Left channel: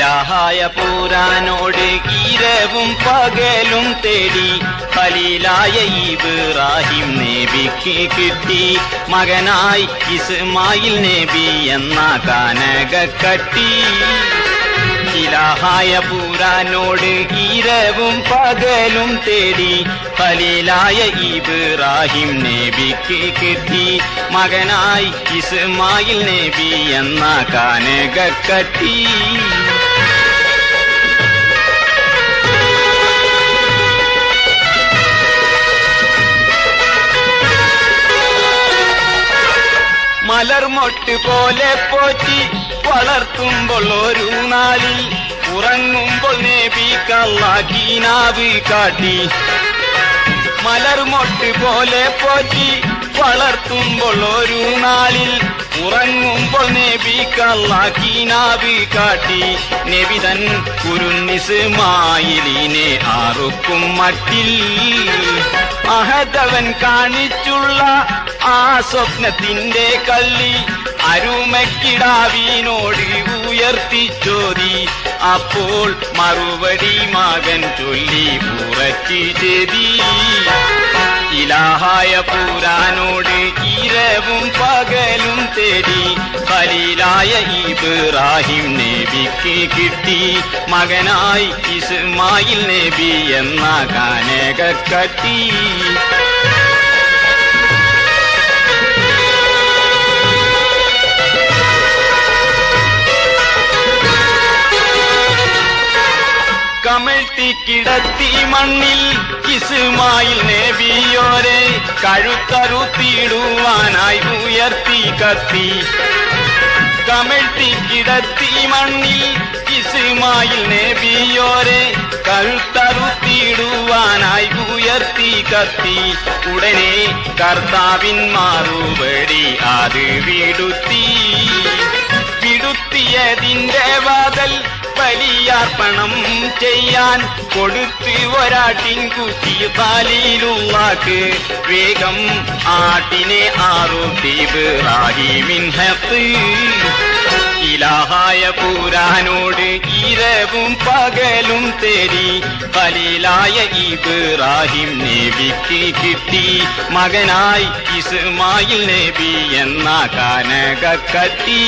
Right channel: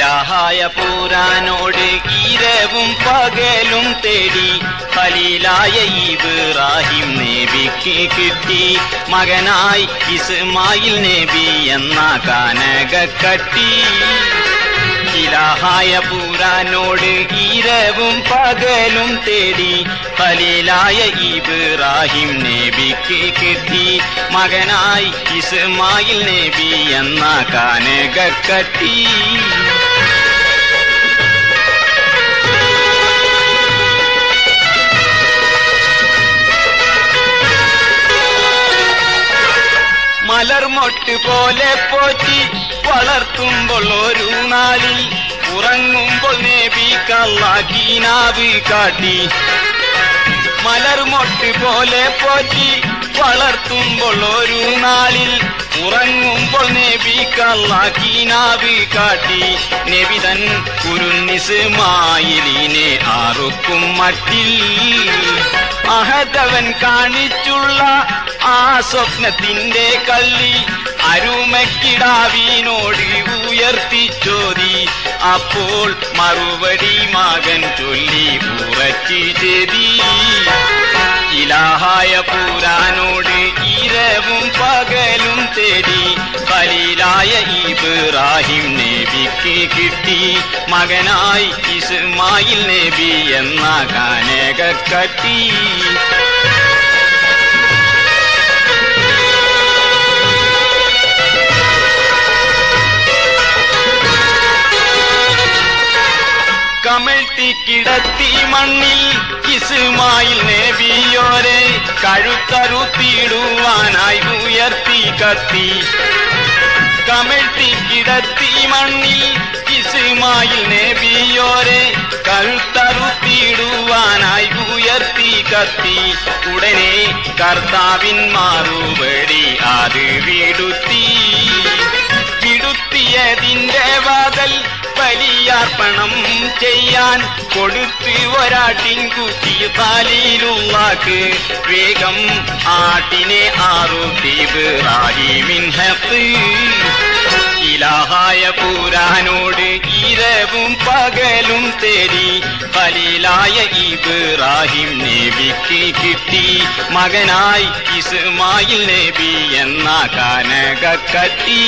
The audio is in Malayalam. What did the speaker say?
ഇലാഹായ പൂരാനോട് ഇരവും പകലും തേടി ഖലീലായ ഇബ്രാഹിം നബിക്ക് കിട്ടി മകനായി ഇസ്മായിൽ നബി എന്ന കാനകക്കട്ടി. ഇലാഹായ പൂരാനോട് ഇരവും പകലും തേടി ഖലീലായ ഇബ്രാഹിം നബിക്ക് കിട്ടി മകനായി ഇസ്മായിൽ നബി എന്ന കാനകക്കട്ടി. മലർമൊട്ട് പോലെ പോറ്റി വളർത്തുമ്പോൾ ഒരു നാളിൽ ഉറങ്ങുമ്പോൾ നബിക്കല്ലാഹ് കാട്ടി. മലർമൊട്ട് പോലെ പോറ്റി വളർത്തുമ്പോൾ ഒരു നാളിൽ ഉറങ്ങുമ്പോൾ നബിക്കല്ലാഹ് കാട്ടി. നബി തൻ കുരുന്നിസ്മായിലിനെ ആർക്കും മട്ടിൽ അഹദവൻ കാണിച്ചുള്ള ആ സ്വപ്നത്തിന്റെ കള്ളി അരുമക്കിടാവിനോട് ഉയർത്തിച്ചോതി. അപ്പോൾ മറുപടി മകൻ ചൊല്ലി ഉറച്ചു ചെയ്തി. ഇലാഹായ പൂരാനോട് ഇരവും പകലും തേടി ഖലീലായ ഇബ്രാഹിം നബിക്ക് കിട്ടി മകനായി ഇസ്മായിൽ നബി എന്ന കാനകക്കട്ടി. കമഴ്ത്തി കിടത്തി മണ്ണിൽ ഇസ്മായിൽ നബിയോരെ കഴുത്തറുത്തിടുവാനായി ഉയർത്തി കത്തി. കമഴ്ത്തി കിടത്തി മണ്ണിൽ ഇസ്മായിൽ നബിയോരെ കഴുത്തറുത്തിടുവാനായി ഉയർത്തി കത്തി. ഉടനെ കർത്താവിൻ മറുപടി അത് വിടുത്തി. വിടുത്തിയതിന്റെ വാതൽ ബലിയർപ്പണം ചെയ്യാൻ കൊടുത്ത് ഒരാട്ടിൻകുട്ടി ഖലീലുള്ളാഹ് വേഗം ആട്ടിനെ അറുത്തി ഇബ്രാഹിമിൻ ഹഖ്. ഇലാഹായ പൂരാനോട് ഇരവും പകലും തേടി ഖലീലായ ഇബ്രാഹിം നബിക്ക് കിട്ടി മകനായി ഇസ്മായിൽ നബി എന്ന കാനകക്കട്ടി.